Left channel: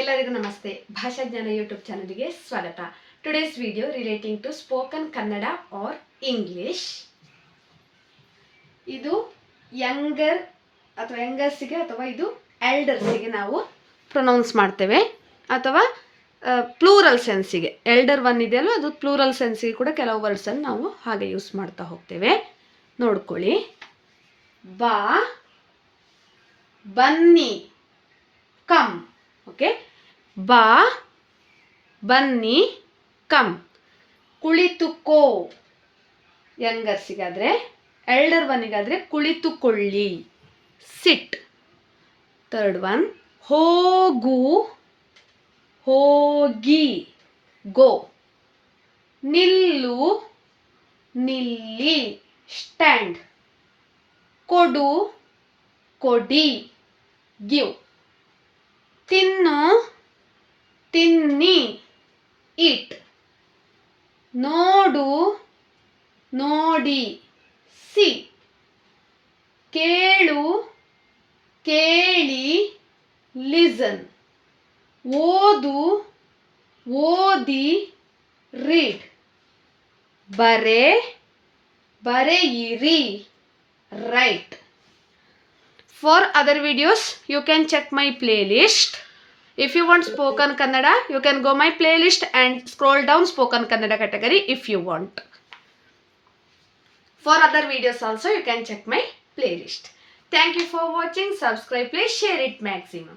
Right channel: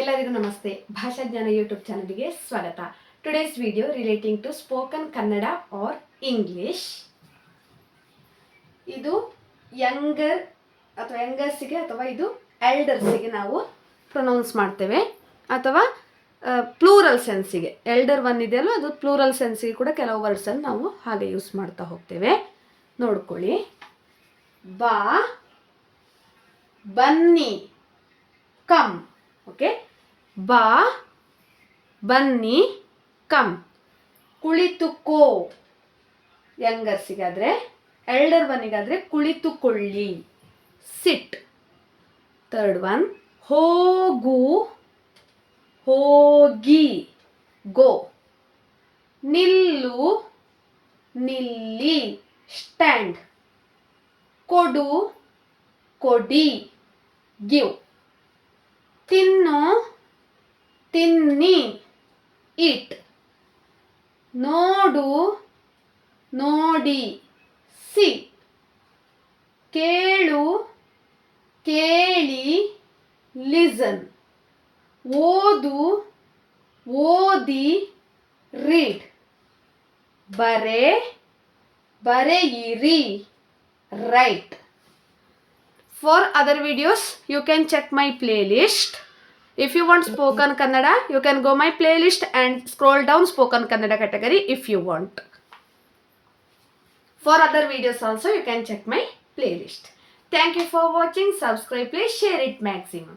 ಎಲ್ಲರಿಗೂ ನಮಸ್ತೆ. ಭಾಷಾ ಜ್ಞಾನ ಯೂಟ್ಯೂಬ್ ಚಾನಲ್ಗೆ ಸ್ವಾಗತ. Today's video relating to spoken Kannada or English. ಇದು ಯಂಗರ್ಸಿಗೆ ಅಥವಾ ಇದು ಎಲ್ಡರ್ಸಿಗೆ ನಾವು ಪ್ರೊನೌನ್ಸ್ ಮಾಡ್ತೇವೆ, ಅಥವಾ ಪ್ಲೂರಲ್ ಸೆನ್ಸಿಗೆ. ಎಲ್ಡರ್ ಒನ್ ಇದೆಯಲ್ಲ, ಅದು ಪ್ಲೂರಲ್ ಸೆನ್ಸಿಗೆ ಕೂಡ ಕೆಲವು ವರ್ಡ್ಸನ್ನು ನಾವು ಹಾಗೆ ಯೂಸ್ ಮಾಡ್ತಾ ಹೋಗ್ತೇವೆ. ನೋಡ್ಕೊಳ್ಳಿ. ಬಾ, ಬನ್ನಿ, ಕಮ್. ಓಕೆ, ಬಾ, ಬನ್ನಿ, ಕಮ್. ಕುಳಿತುಕೋ ಯಂಗರ್ಸಿಗಾದರೆ, ಎಲ್ಡರ್ ಒನ್ನಿಗಾದರೆ ಕುಳಿತುಕೊಳ್ಳಿ, ಸಿಟ್. ಥರ್ಡ್ ಒನ್, ಹೋಗು, ಹೋಗಿ, ಗೋ. ನಿಲ್ಲು, ನಿಲ್ಲಿ, ಸ್ಟ್ಯಾಂಡ್. ಕೊಡು, ಕೊಡಿ, ಗಿವ್. ತಿನ್ನು, ತಿನ್ನಿ, ಈಟ್. ನೋಡು, ನೋಡಿ, ಸಿ. ಕೇಳು, ಕೇಳಿ, ಲಿಸನ್. ಓದು, ಓದಿ, ರೀಡ್. ಬರೆ, ಬರೆಯಿರಿ, right. For other videos, you can check my playlist. If you want spoken Kannada, you can go my playlist and scroll down spoken Kannada category if you want. For other videos also, you can check my playlist. Thank you for watching. Subscribe, please share it maximum.